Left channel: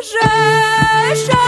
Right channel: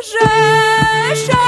Же